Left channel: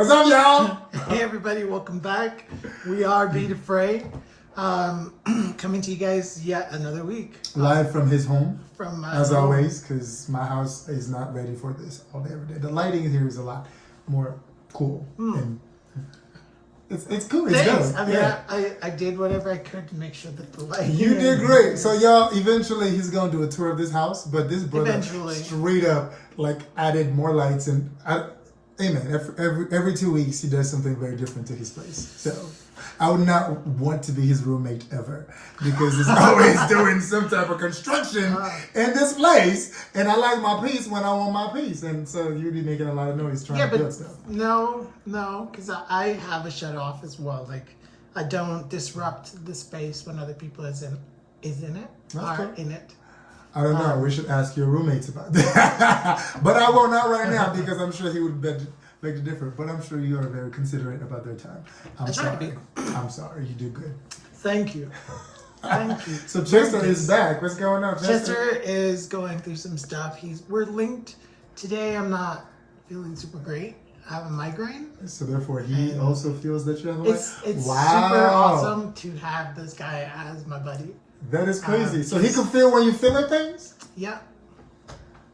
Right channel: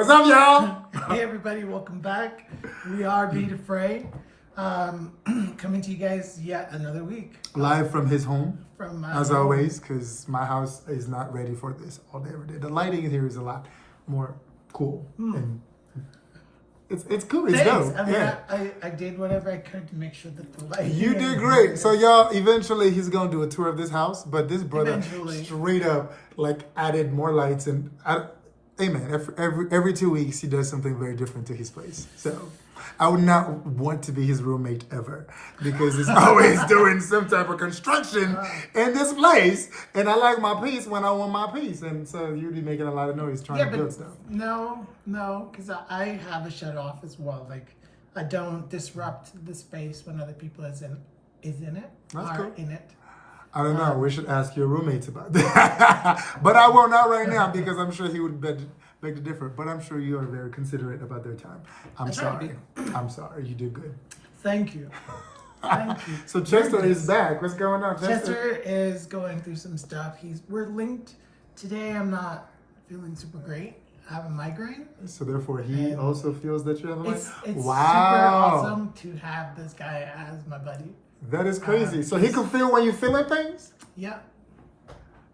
What's up, y'all? Hey, everybody, welcome back. We are Be Afraid, coming to you guys yet another week. Live from his home, as home. always, because my house is not ready for this all day, every day. The lighting here is a lot more cool. And it's cool. It's Thanks. dope. I mean, Yeah. I did whatever I could to make sure that the lighting... You did great. So, y'all, eventually he's going to do a tour of this house, but this brother straight up, like, added more lights and... Hey man, every 2 weeks he does something very different to his place. So I would not want to be his roommate ever because he's always doing some type of construction in this place. And I like my peace when I want my peace. And so you'd be making a lot of noise trying to build stuff. No, because I have a shut off as well. Like I don't disrupt the space when other people is in it. That's cool. In it. I don't know. We should ask your roommates about that. But I won't not right now because I'm sure he would beg to differ. But I'm sure you are very considerate about their time. I'm sorry. You did good. Thank you. Thank you. So Tristan is back. What's going on, Chester is going through some stuff. We're linked. Today I'm not feeling super great. I have a migraine. So therefore he also feels that you have a migraine? It's super awesome to have this guy as my buddy. That is crazy. So he can feel when you feeling things? Yeah.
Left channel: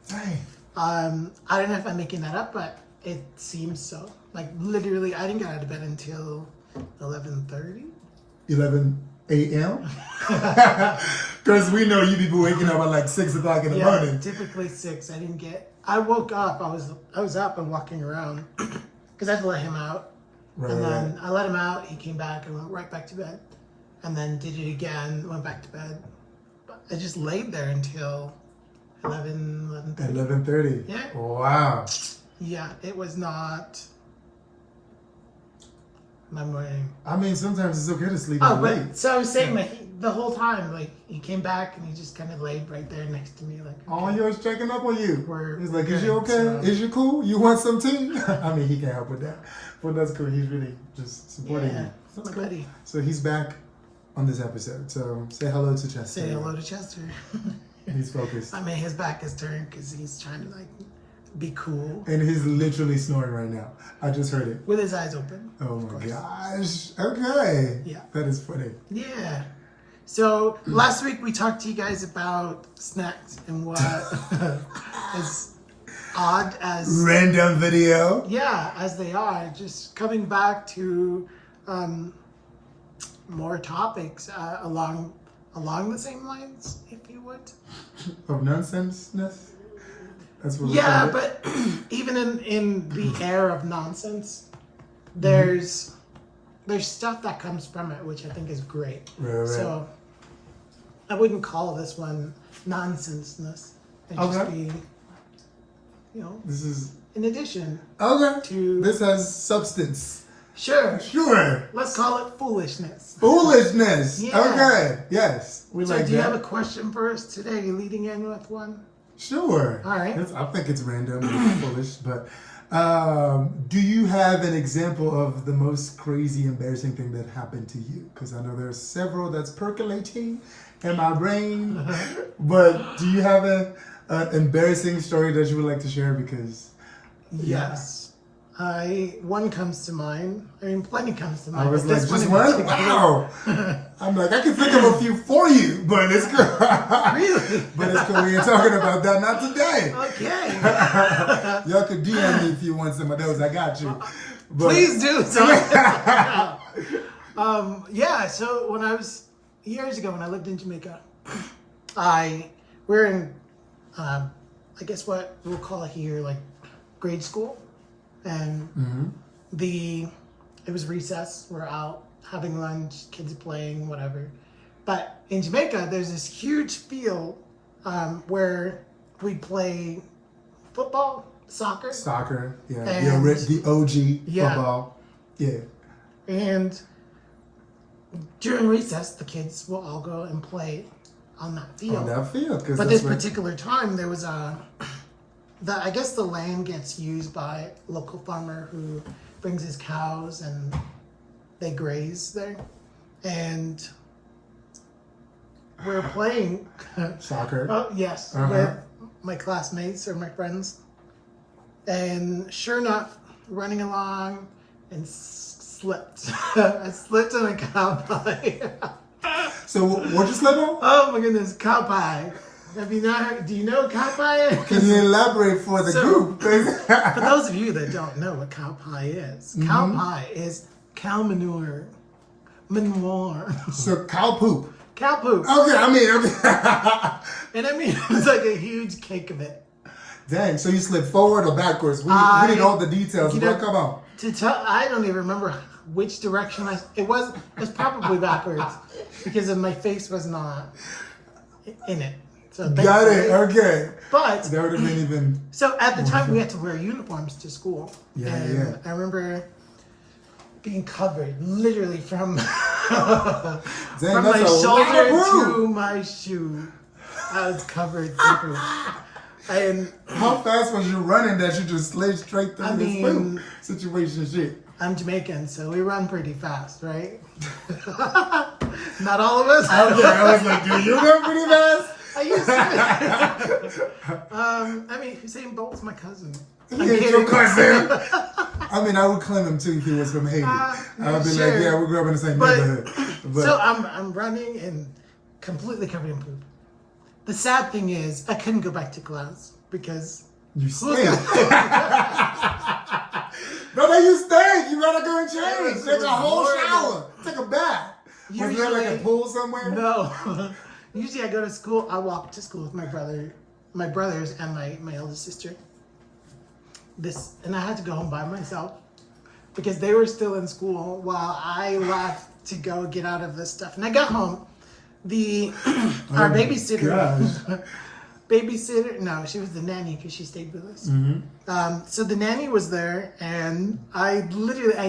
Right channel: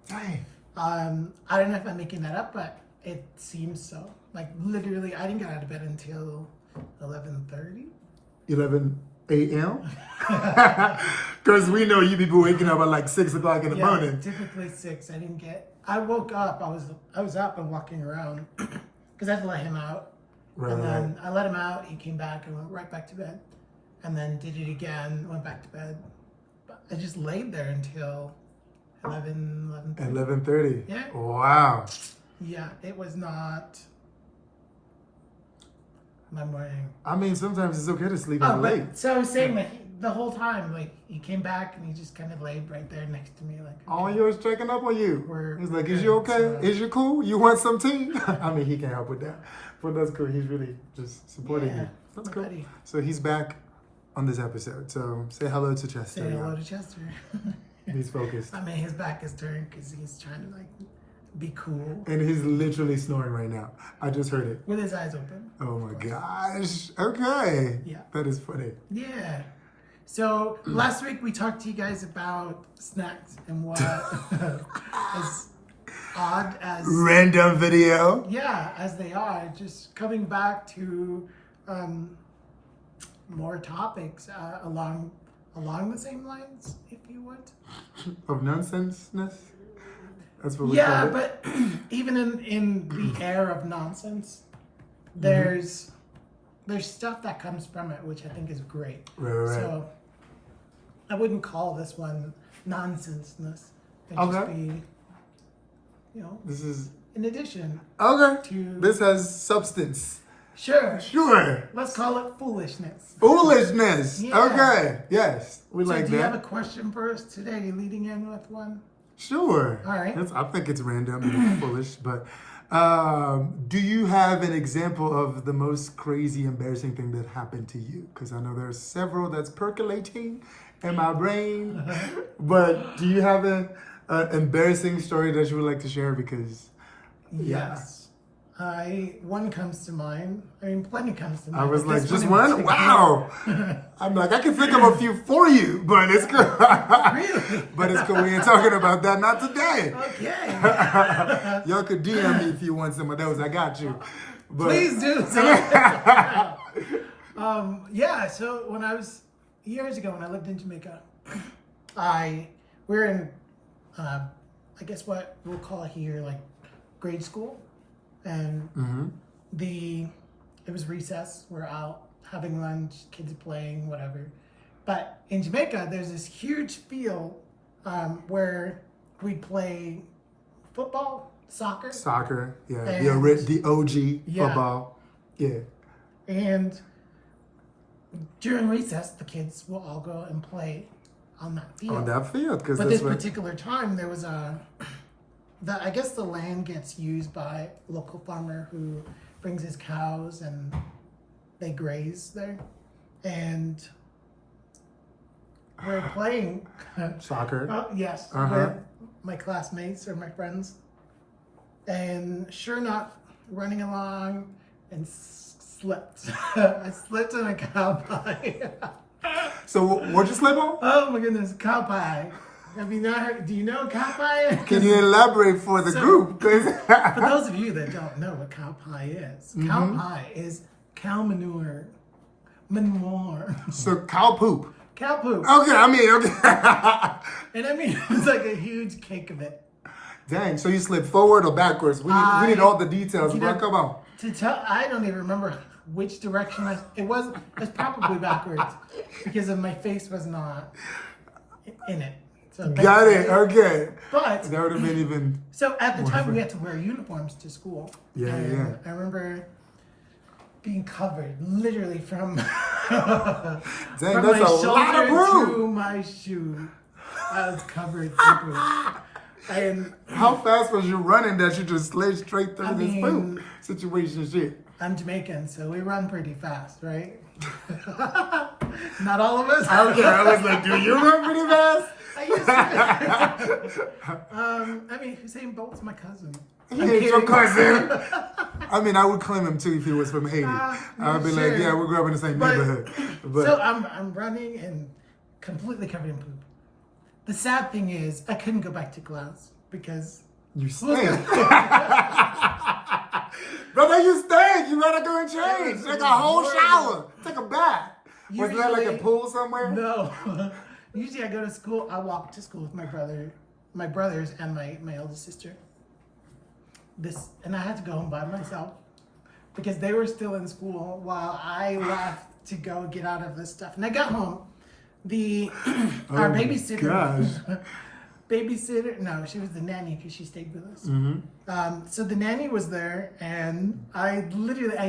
Dang. I don't know if I'm making that up, but it seems so. Like literally, I didn't get out of bed until 11:30. 11 a.m. Because we know you people waking up at like 6 o'clock in the morning. Typically 6. I woke up. I was up and walking around because I had to let him out. Right. And then I let him out. He came back and went right back to bed. And then did it again, went back to bed. But I just laid there until 11:30. 11:30. Yeah. Wow. Yeah, it was not my morning. I mean, sometimes it's okay to sleep late. So I was saying that the whole time, like, he came back and he just kind of laid right there next to me. Like, oh, he was checking up on you. He's like, is you okay? So, is you cool? You want some tea? I mean, he can't help with that. But that's cool. He's really just supporting you. That's cool. Buddy. So he's back on this episode. So say hello to Chester. Say hello to Chester. He's focused. I mean, his back is turned because he's trying to, like, be cool. And he's literally snoring right now. I just heard it. With his eyes open. Oh my gosh. Okay. Yeah. That is funny. Yeah. So last week we talked to you guys about snacks and what as odd as... Random video. Yeah, as they are. Just coming back to more topics along the same lines, if you would. Of nonsenseness? That's what we call it. But even in the air of nonsense, there's stuff that comes from it, which I think is great. Right. So I wouldn't call this one nonsenseness. It'd just be, This is in addition. Okay. This has substance. Sure. Let's call it foolishness. Foolishness. Yeah. Okay. Yes. We So like that. do you have a question for us today? You're leading in with one? Sure. All right. I think it's random and foolish, but do you have an example of the most crazy, embarrassing thing that happened to you? Because I know there's several that's percolating in my brain, but do you have an embarrassing story that you would like to share? Because yes. One comes to mind. I mean, plenty comes to mind. I was like, just one? Wow. I'm like, I can think of a few for you, but it's cool. Really? But it's cool. We ain't talking about that. Not today. Okay. Y'all could DM me if you want some of those. I got you. But, please do. So when I was years ago, when I lived in Jamaica, we're in, I guess what we'll call it here, like grade school. And it was recess. We're out having lunch, kids playing, whatever. But in Jamaica, there's this huge field where we play football, soccer. Yeah. And The OG football. Yeah. And during recess, the kids will all go and play on that field. But this particular time, there was I guess the land gets used by a local farmer who brings his cows and they graze there. And we're playing soccer. Yes, with my classmates or my friends. And sure enough, running along, and slipped. I slipped on a cow pie. So what'd you slip on? Oh my goodness, cow pie. Have you not heard, do you know what cow pie is? Can you elaborate for the group? For those of you that don't know what cow pie is, cow pie is cow manure. So cow poop. Cow poop. Okay. And I mean, it's like a huge cake of it. Dang, so you slid forward or backwards? We need all the details. Come on. I don't even remember which direction it was probably backwards because of my face was not in it. So got it. Okay. But that would have been even. So at the time we had to wear uniforms to school. Yeah. I remember being covered literally from my shoulder to my shoe. I was covered through. And how fast was you running that you just slid straight through this poop situation shit? I'm Jamaican, so we run pretty fast, right? Not all of us. Okay, I was like, do you run pretty fast? I used to. I mean, Usain Bolt's my cousin. He's your cousin. I mean, I would claim him too if he was from Haiti. I'd be like, yeah, we grew up in the same neighborhood. But so I'm running and completely covered in poop. The sad thing is, I couldn't go back to class because you stink. Brother, you stink. You gotta go and change. Take a whole shower. Take a bath. Was there like a pool somewhere? No. Usually I go to school. I walk to school with my brothers, and my eldest sister. And I had to go home by myself because they were still in school while I left to go get out of this stuff. And I got home. Our babysitter. No, she was the nanny because she stayed with us. So the nanny was there, and I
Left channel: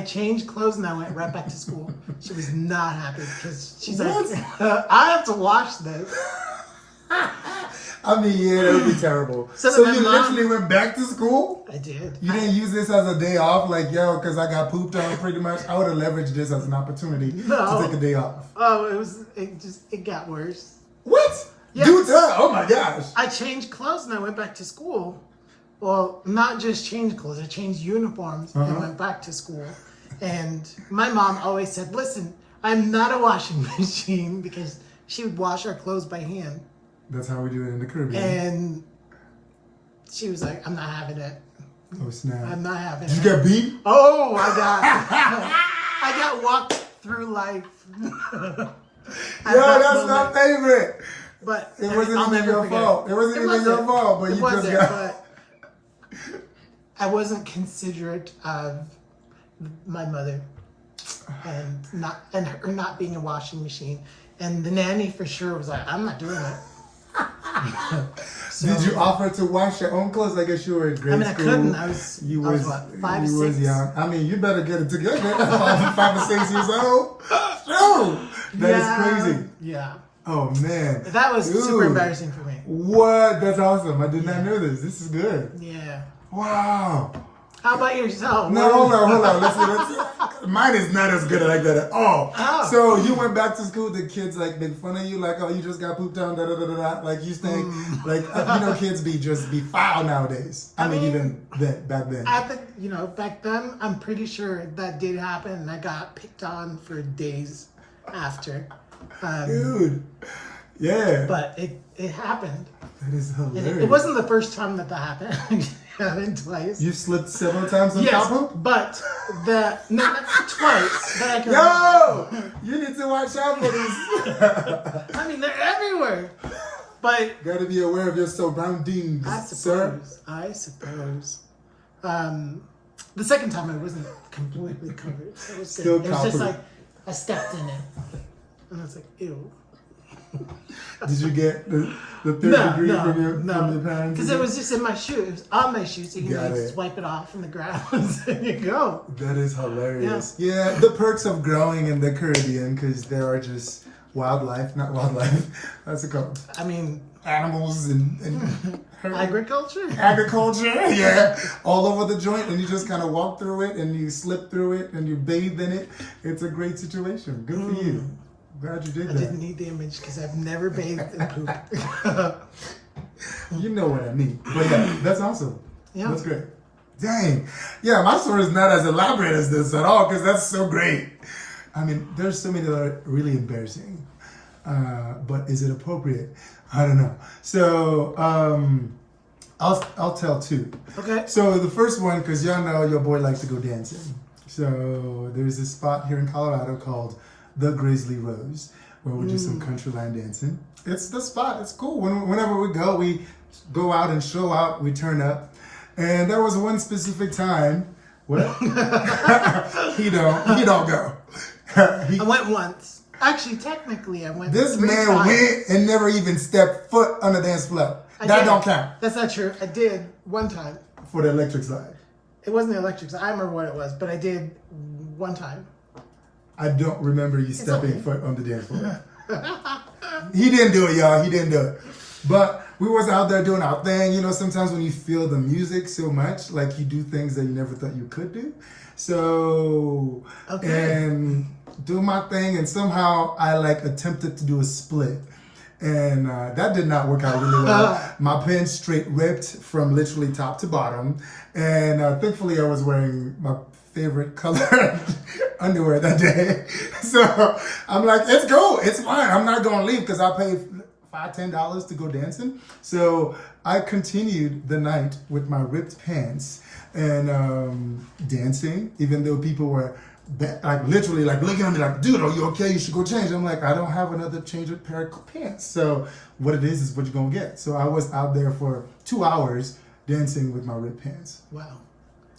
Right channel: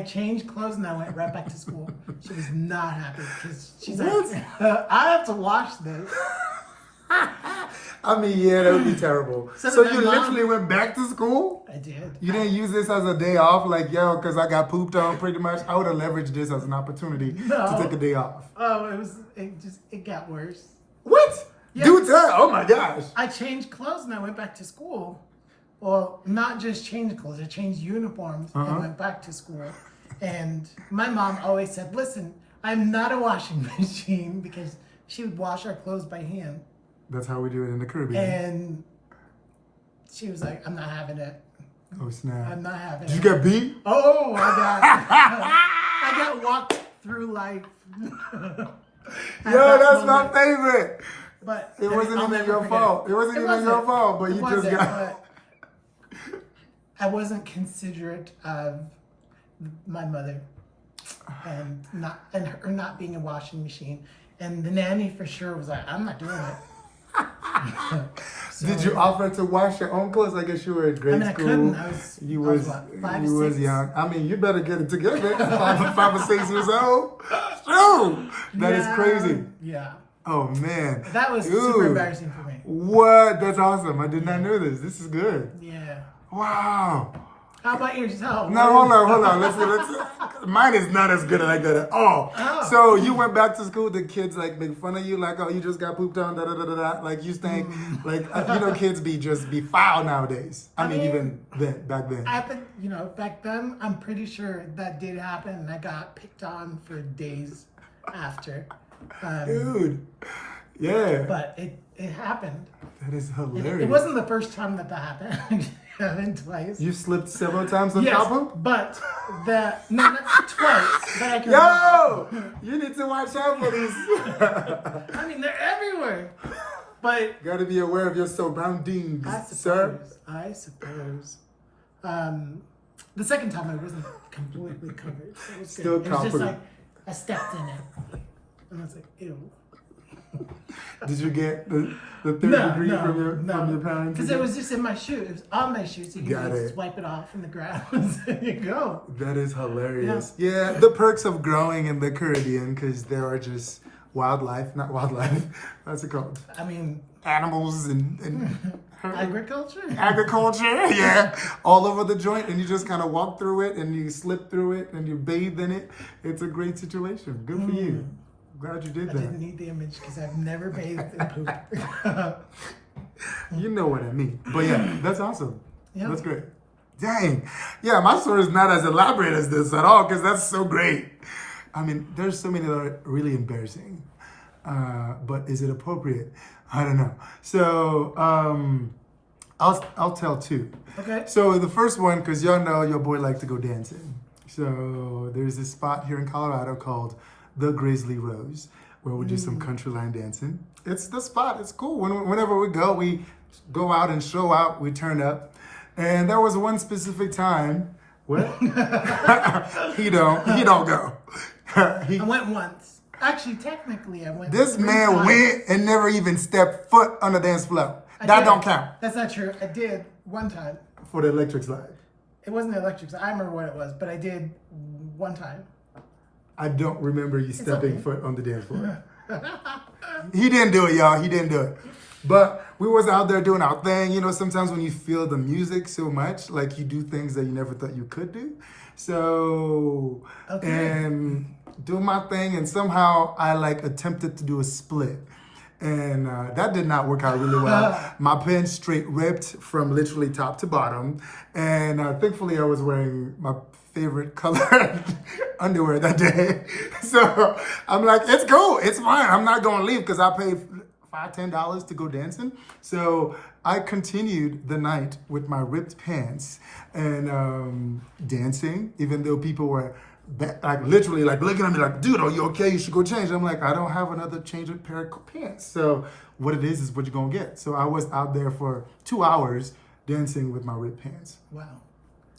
changed clothes and I went right back to school. She was not happy because she's like, I have to wash this. I mean, yeah, that would be terrible. So you literally went back to school? I did. You didn't use this as a day off, like, yo, because I got pooped on pretty much. I would have leveraged this as an opportunity to take a day off. Oh, it got worse. What? Yes. Do tell. Oh my gosh. I changed clothes and I went back to school. Well, not just changed clothes, I changed uniforms and went back to school. And my mom always said, listen, I'm not a washing machine because she would wash our clothes by hand. That's how we do it in the Caribbean. And she was like, I'm not having it. Oh, snap. I'm not having it. You got beat? Oh, I got walked through life. That's my favorite. But it wasn't even your fault. It wasn't even your fault, but you just got. I wasn't considerate of my mother, and her not being a washing machine, and the nanny for sure was like, "I'm not doing it." Did you offer to wash your own clothes? I guess you were in grade school. I couldn't. I was what, 5 or 6? Was young. I mean, you better get it together. 5 or 6 years old. True. That is crazy. Yeah. Oh man. That was super embarrassing for me. What? That's awesome. I did not know this. This is good. Yeah. Wow. How about yourself? No, hold on. Let's mine is not as good like that at all. Oh. So you went back to school, the kids like make fun of you, like, oh, you just got pooped on, like you stink. Like, kids be foul nowadays. I mean, even back then. I think, back then, I'm pretty sure that did happen, and I got picked on for days after. Dude. Yeah. But it happened. That is hilarious. It wasn't the first time that happened. It happened twice. You slipped several times on cow poop? But not twice. But I can you need to watch out for these. I mean, they're everywhere. But gotta be aware of your surroundings, sir. I suppose. The second time I wasn't completely covered. It was still good. It was just like I stepped in it. And I was like, ew. Did you get the third degree from your parents? Because it was just in my shoe. It was on my shoe, so you can just wipe it off in the grounds and you go. That is hilarious. Yeah, the perks of growing in the Caribbean, because there are just not wildlife. That's it called. I mean, animals and agriculture, yeah, all over the joint, and you just kind of walk through it, and you slip through it, and you bathe in it. It's a great situation. Good for you. Glad you did that. I didn't need the image because I've never bathed in poop. You know what I mean. But yeah, that's awesome. Yeah. That's great. Dang. Yeah, my story is not as elaborate as this at all because that's so great. I mean, there's so many that are really embarrassing. But is it appropriate? I don't know. So I'll tell two. Okay. So the first one, because y'all know your boy likes to go dancing. So there's a spot here in Colorado called the Grizzly Rose where we do some countryland dancing. It's the spot. It's cool. Whenever we go out and show out. We turn up. And there was one specific time. What? he don't go. I went once. Actually, technically, I went. This man went and never even stepped foot on the dance floor. That don't count. That's not true. I did one time. For the electric slide. It wasn't the electric slide. I remember what it was, but I did one time. I don't remember you stepping foot on the dance floor. He didn't do it, y'all. He didn't do it. But we was out there doing our thing. You know, sometimes when you feel the music so much, like you do things that you never thought you could do. So, and do my thing, and somehow I like attempted to do a split. And that did not work out really well. My pants straight ripped from literally top to bottom. And thankfully I was wearing my favorite color underwear that day. So I'm like, it's cool, it's fine. I'm not gonna leave because I paid $5-10 to go dancing. So I continued the night with my ripped pants and dancing, even though people were like literally like looking at me like, dude, are you okay? You should go change. I'm like, I don't have another change of pair of pants. So what it is what you're gonna get. So I was out there for 2 hours dancing with my ripped pants. Wow.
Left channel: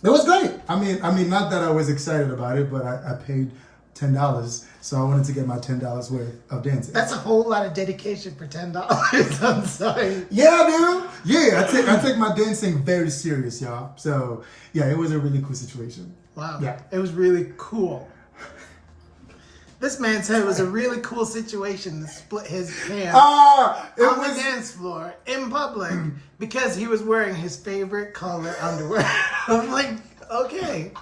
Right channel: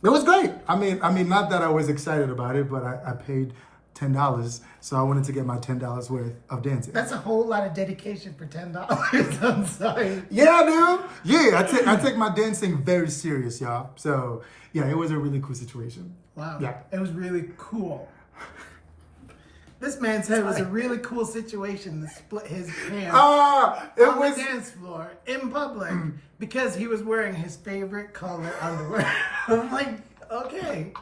It was great. I mean, not that I was excited about it, but I paid $10, so I wanted to get my $10 worth of dancing. That's a whole lot of dedication for $10. I'm sorry. Yeah, dude. Yeah, I take my dancing very serious, y'all. So yeah, it was a really cool situation. Wow. Yeah. It was really cool. This man said it was a really cool situation to split his pants on the dance floor in public because he was wearing his favorite color underwear. I'm like, okay.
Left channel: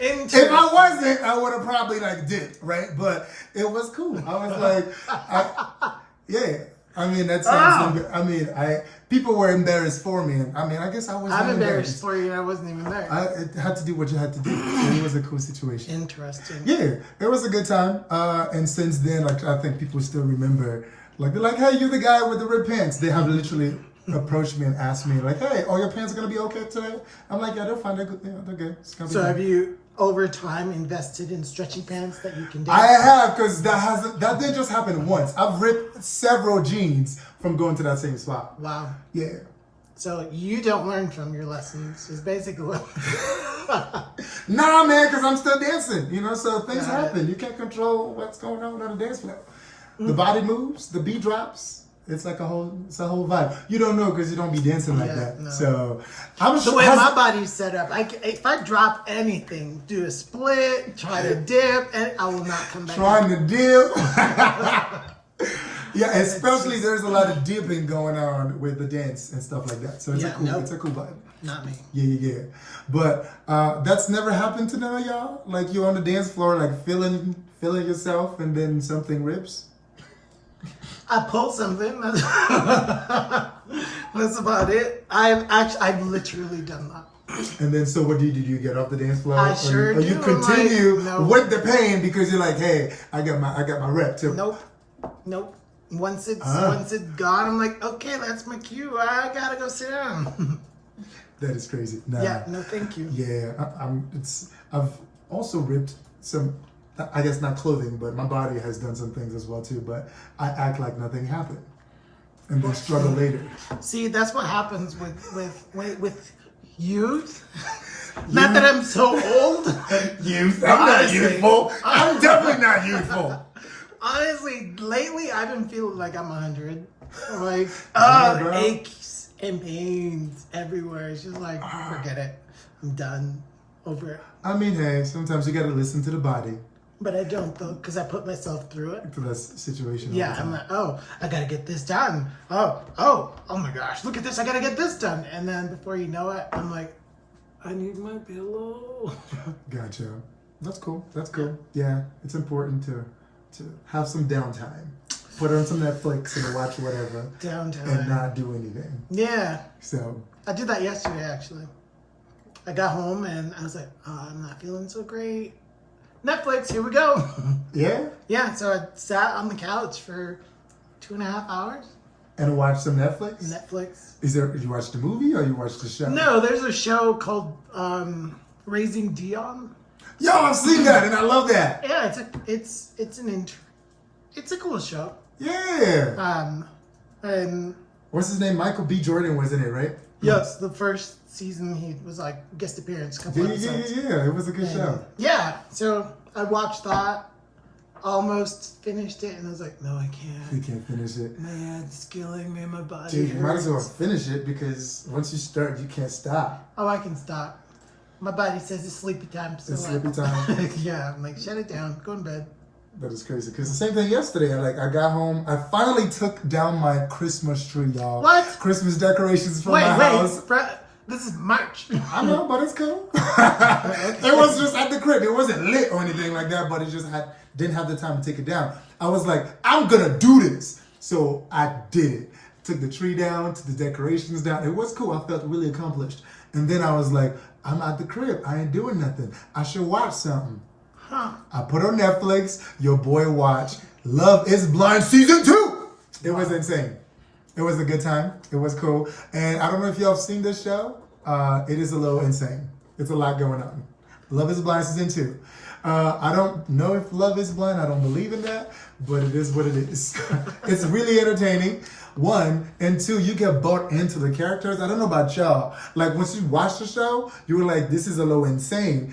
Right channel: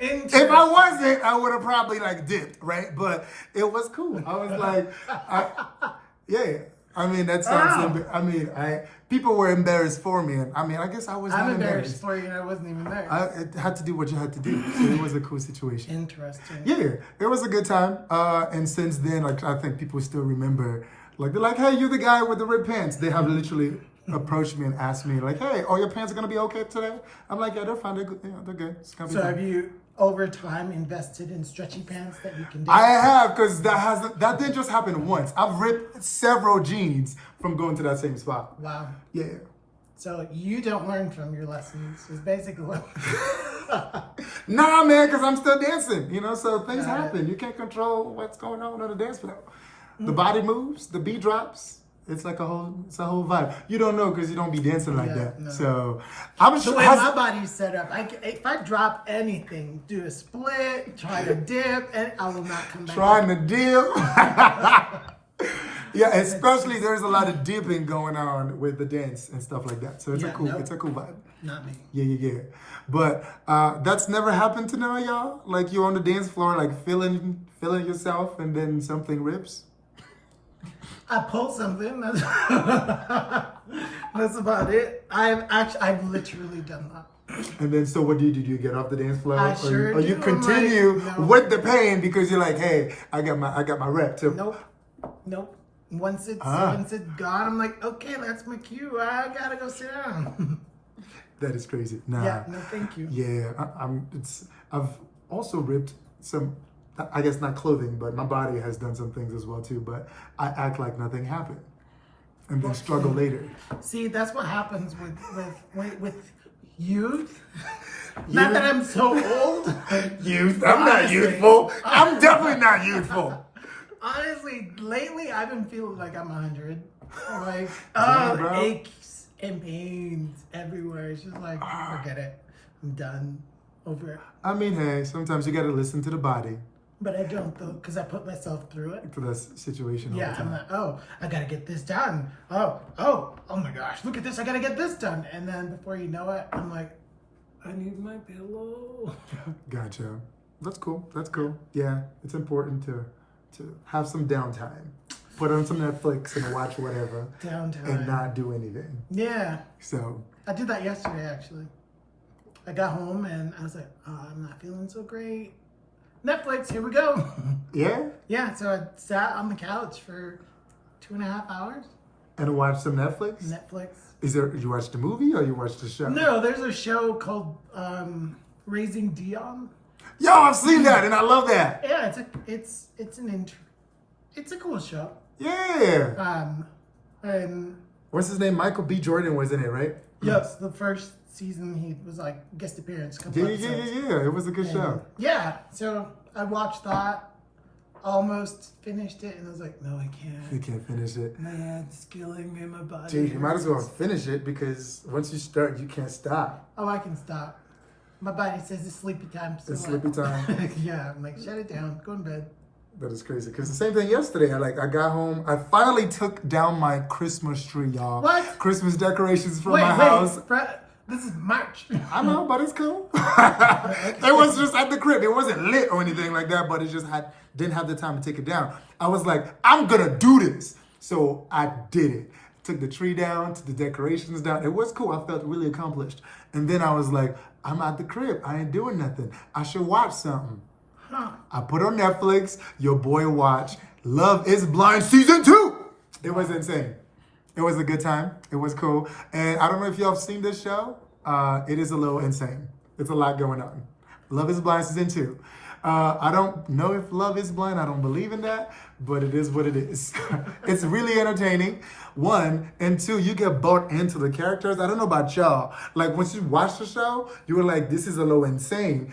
If I wasn't, I would have probably like dipped, right? But it was cool. I was like, yeah. I mean, that sounds. I mean, people were embarrassed for me, and I mean, I guess I was. I'm embarrassed for you. I wasn't even there. I had to do what you had to do. So it was a cool situation. Interesting. Yeah, it was a good time. And since then, like I think people still remember. Like they're like, "Hey, you're the guy with the red pants." They have literally approached me and asked me, like, "Hey, are your pants gonna be okay today?" I'm like, "Yeah, they're fine. They're good. Yeah, they're good." So have you, over time, invested in stretchy pants that you can do? I have, because that didn't just happen once. I've ripped several jeans from going to that same spot. Wow. Yeah. So you don't learn from your lessons, is basically what... Nah, man, because I'm still dancing, you know, so things happen. You can't control what's going on the dance floor. The body moves, the beat drops. It's like a whole vibe. You don't know because you don't be dancing like that. No. So I'm the way my body's set up, if I drop anything, do a split, try to dip, and I will not come back. Trying to dip. Yeah, especially there's a lot of dipping going on with the dance and stuff like that. So it's it's a cool vibe. Not me. Yeah. But that's never happened to none of y'all. Like you're on the dance floor, like feeling yourself, and then something rips. I pulled something. That's about it. I've literally done that. And then, so what do you do? Do you get off the dance floor, I sure or do. you continue like, no. with the pain because you're like, hey, I got my rep too. Nope. Once it's gone, I'm like, okay, that's my cue. I gotta go sit down. That is crazy. Nah. Yeah, no, thank you. Yeah, I've also ripped some. I guess not clothing, but my body has done some things as well too. But I act like nothing happened, and then struggle later. See, that's what happens with youth. Not that I'm so old. Youth. I'm not youthful. I'm definitely not youthful. Honestly, lately I've been feeling like I'm 100. Like aches and pains everywhere. It's just like forget it. I'm done. Over it. I mean, hey, sometimes you got to listen to the body. But I don't, though, because I put myself through it. For that situation. Yeah, I'm like, I gotta get this done. Oh my gosh, look at this, I gotta get this done. And then before you know it, I'm like, I need my pillow. Gotcha. That's cool. Yeah, it's important to have some downtime. Put on some Netflix and watch whatever. Downtime. And not do anything. Yeah. So. I did that yesterday, actually. I got home and I was like, oh, I'm not feeling so great. Netflix, here we go. Yeah? Yeah, so I sat on the couch for 2.5 hours. And watch some Netflix? Netflix. You watched the movie or you watched the show? No, there's a show called Raising Dion. Yo, I've seen that and I love that. Yeah, it's a cool show. Yeah. And What's his name? Michael B. Jordan was in it, right? yes, the first season he was like guest appearance. Couple episodes. Yeah. It was a good show. Yeah, so I watched that, almost finished it, and I was like, no, I can't. You can't finish it. Man, it's killing me, my body. Dude, you might as well hurts. finish it because once you start, you can't stop. Oh, I can stop. My body says it's sleepy time. So It's sleepy time. yeah, I'm like, shut it down. Go to bed. That is crazy. Because the same thing yesterday. I got home. I finally took down my Christmas tree, y'all. What? Christmas decorations for my house. This is March. I know, but it's cool. It was just at the crib. It wasn't lit or anything like that, but it just didn't have the time to take it down. I was like, I'm gonna do this. So I did it. Took the tree down, took the decorations down. It was cool. I felt really accomplished. And then I was like, I'm at the crib. I ain't doing nothing. I should watch something. I put on Netflix. Your boy watched Love is Blind Season 2. It was insane. It was a good time. It was cool. And I don't know if y'all have seen this show. It is a little insane. It's a lot going on. Love is Blind Season 2. I don't know if love is blind. I don't believe in that, but it is what it is. It's really entertaining. 1 and 2, you get bought into the characters. I don't know about y'all. Like once you watch the show, you were like, this is a little insane.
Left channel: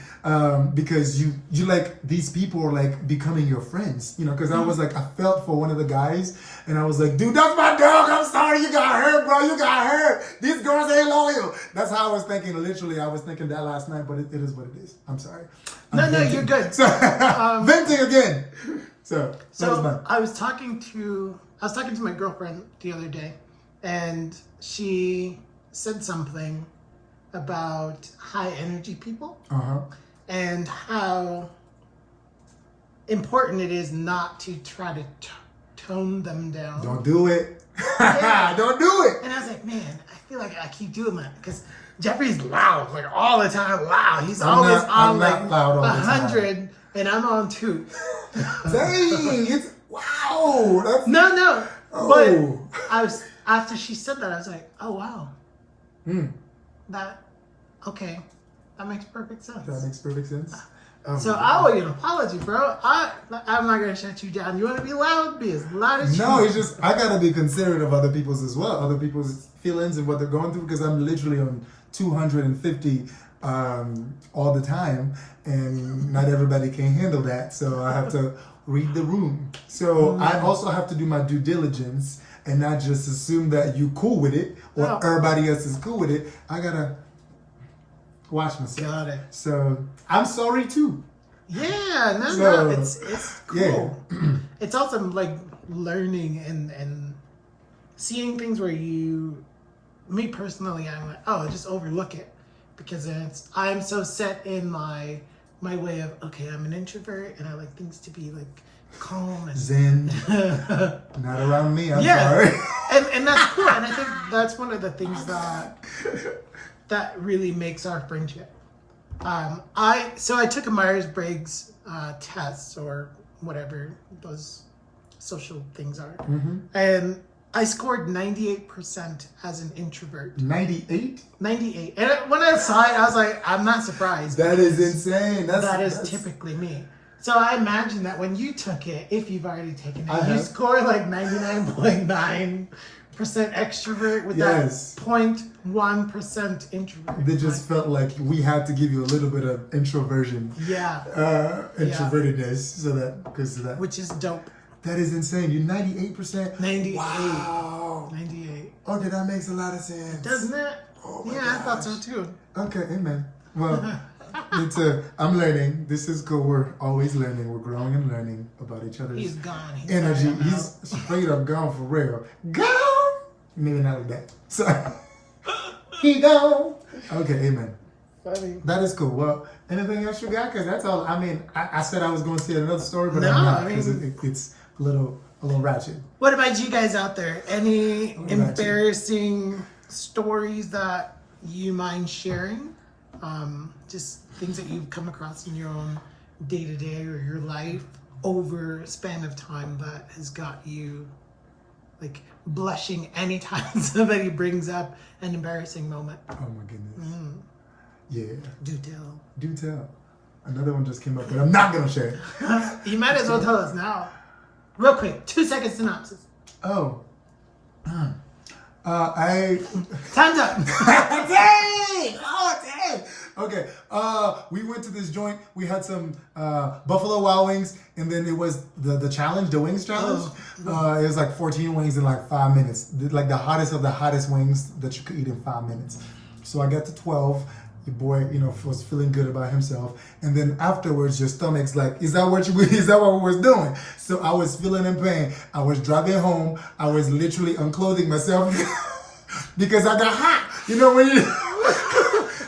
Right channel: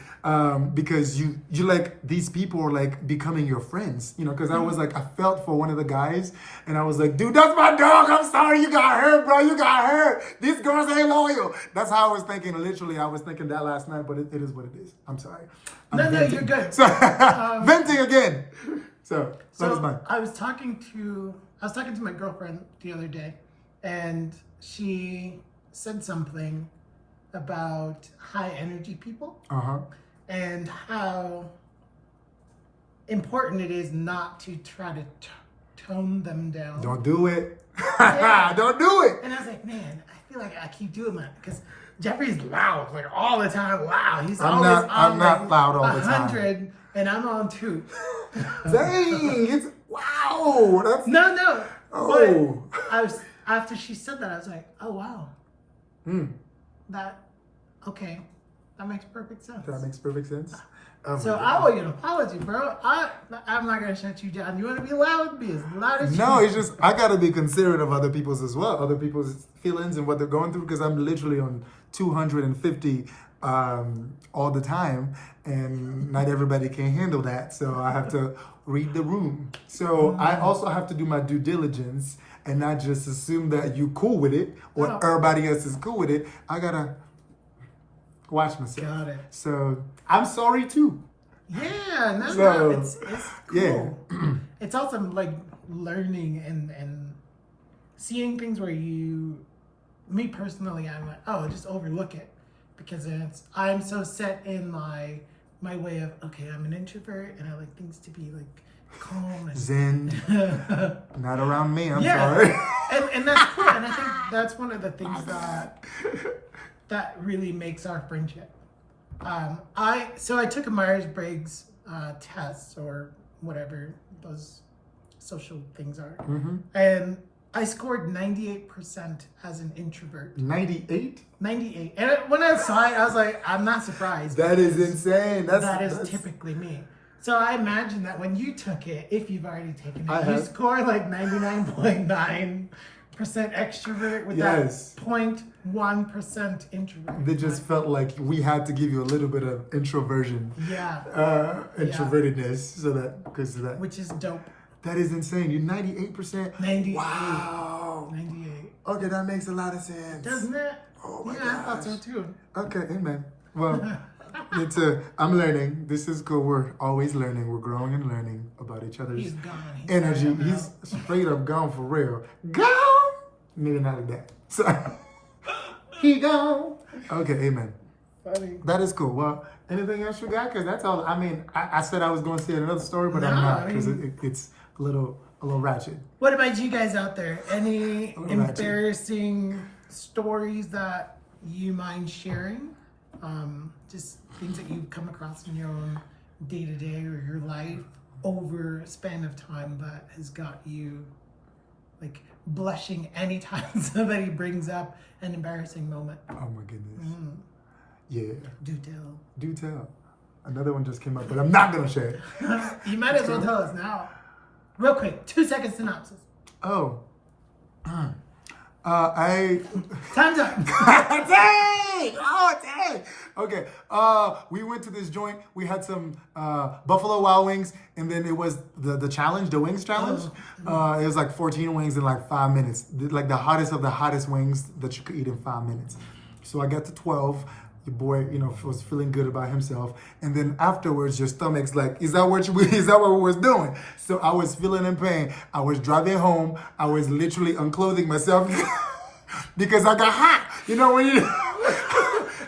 Because you like these people are like becoming your friends, you know, because I was like, I felt for one of the guys and I was like, dude, that's my dog. I'm sorry you got hurt, bro. You got hurt. These girls ain't loyal. That's how I was thinking. Literally, I was thinking that last night, but it is what it is. I'm sorry. No, you're good. So, venting again. So I was talking to my girlfriend the other day, and she said something about high energy people and how important it is not to try to tone them down. Don't do it. Yeah. Don't do it. And I was like, man, I feel like I keep doing that because Jeffrey's loud, like all the time. Loud. He's always on I'm like not loud all the time. 100, and I'm on 2. Dang, it's wow. That's No. oh. But I was after she said that, I was like, oh wow. Okay. That makes perfect sense. That makes perfect sense. Oh, So I owe you an apology, bro. I'm not gonna shut you down. You want to be loud? Be as loud as you No, want. it's just I gotta be considerate of other people's as well, other people's feelings and what they're going through because I'm literally on 250 all the time, and not everybody can handle that. So I have to read the room. So I also have to do my due diligence and not just assume that you cool with it or everybody else is cool with it. I gotta watch myself. Got it. So I'm sorry too. Yeah, no, So, it's cool. yeah. It's also like learning and seeing things where me personally, I'm like, oh, just overlook it because I'm so set in my way of, okay, I'm an introvert and I like things to be like calm and Zen. Not around me. I'm sorry. and that's cool. And I think that's one of the things that really makes our friendship. I took a Myers-Briggs test or whatever those social things are, and I scored 98% as an introvert. 98? 98. And when I saw it, I was like, I'm not surprised. That is insane. That is typically me. So I imagine that when you took it, if you've already taken it, you scored like 99.9% extrovert with that 0.1% introvert. They just felt like we had to give you a little bit of introversion. Yeah. Introvertedness. So that, because of that. Which is dope. That is insane. You're 98%? 98. Wow. 98. Okay, that makes a lot of sense. Doesn't it? Oh my gosh. I thought so too. Okay, amen. Well, I'm learning. This is cool. We're always learning. We're growing and learning about each other's energy. He's straight up gone for real. Gone? Maybe not like that. So, he gone. Okay, amen. Funny. That is cool. Well, anything else you got? Because that's all. I mean, I said I was going to say another story, but I'm not because it's a little ratchet. What about you guys out there? Any embarrassing stories that you mind sharing? just things that you come across in your own day-to-day or your life over a span of time that has got you like blushing anytime somebody brings up an embarrassing moment? Oh my goodness. Yeah. Do tell. Another one just came up, but I'm not gonna share it. You might as well tell us now. Real quick, 2-second synopsis. Oh. Time's up. Dang! Oh, dang! Okay. We went to this joint. We had some Buffalo Wild Wings, and then it was the challenge, the wings challenge. It was like 14 wings in like 5 minutes. Like the hottest of the hottest wings that you could eat in 5 minutes. So I got to 12. The boy, was feeling good about himself. And then afterwards, your stomach's like, is that what we was doing? So I was feeling in pain. I was driving home. I was literally unclothing myself because I got hot. When you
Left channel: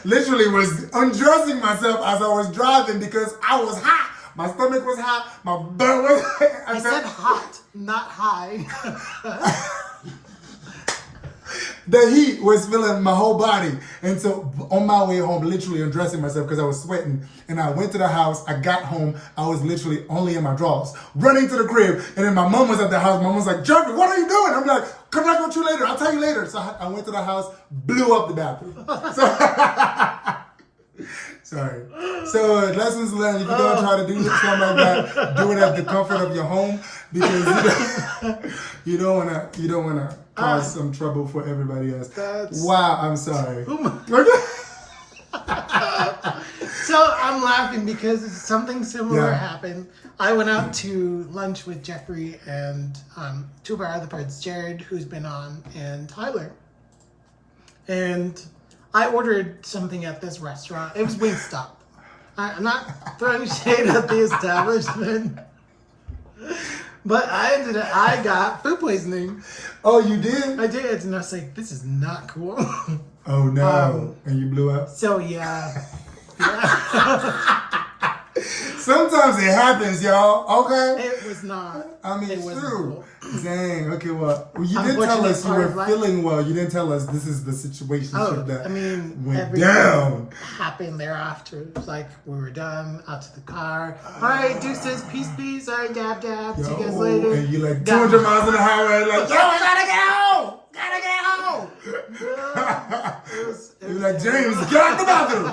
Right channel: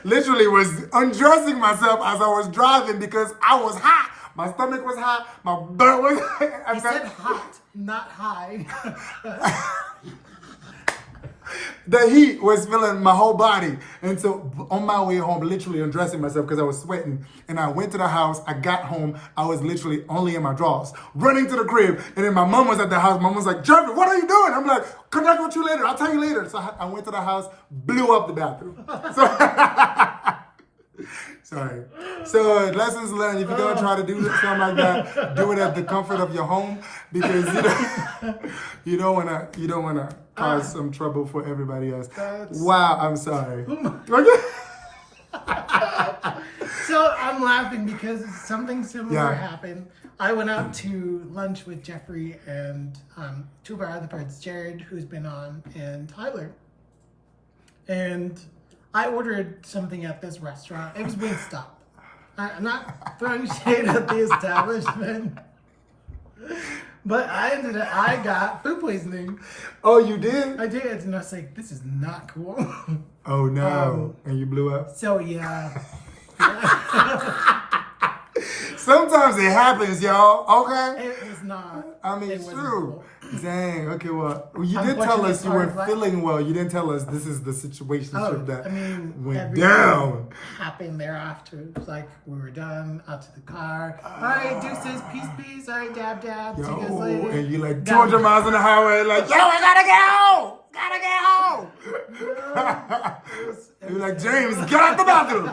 literally was undressing myself as I was driving because I was hot. My stomach was hot. My butt was hot. You said hot, not high. The heat was filling my whole body. And so on my way home, literally undressing myself because I was sweating. And I went to the house. I got home. I was literally only in my drawers, running to the crib. And then my mom was at the house. My mom was like, Jeffrey, what are you doing? I'm like, come back with you later. I'll tell you later. So I went to the house, blew up the bathroom. Sorry. So lessons learned. If you're going to try to do something like that, do it at the comfort of your home because you don't want to cause some trouble for everybody else. Wow, I'm sorry. So I'm laughing because something similar happened. I went out to lunch with Jeffrey and two of our other friends, Jared, who's been on, and Tyler. And I ordered something at this restaurant. It was Wingstop. I'm not throwing shade at the establishment, but I got food poisoning. Oh, you did? I did, and I was like, this is not cool. Oh no! And you blew up? So yeah. Sometimes it happens, y'all. Okay? It was not. I mean, it's true. Cool. Dang. Okay, well, you didn't tell us you were feeling well. You didn't tell us this is the situation that went down. Happened thereafter. It was like we were done, out to the car. All right, deuces, peace. All right, dab. See you guys later. And you like 200 miles on the highway, like, yo, I gotta get home. You're like, James, get out the bathroom.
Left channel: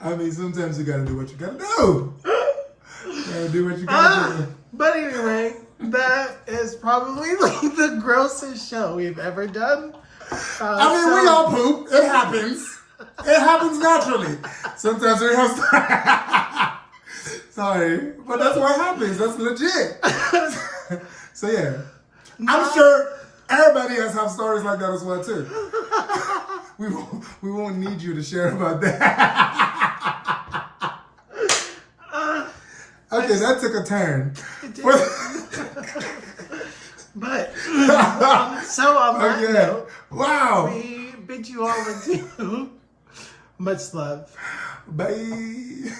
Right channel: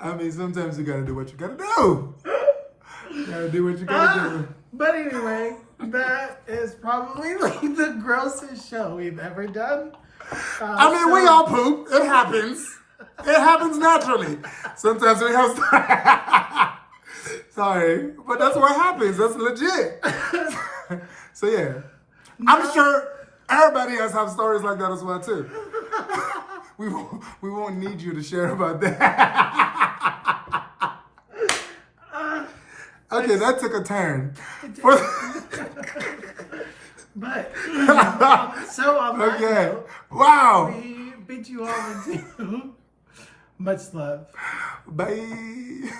I mean, sometimes you gotta do what you gotta do. You gotta do what you gotta do. But anyway, that is probably like the grossest show we've ever done. I mean, we all poop. It happens. It happens naturally. Sometimes we have. Sorry, but that's what happens. That's legit. So yeah, I'm sure everybody else have stories like that as well too. We won't need you to share about that. Okay, that took a turn. But so okay. Wow. We bid you all adieu. Much love. Bye.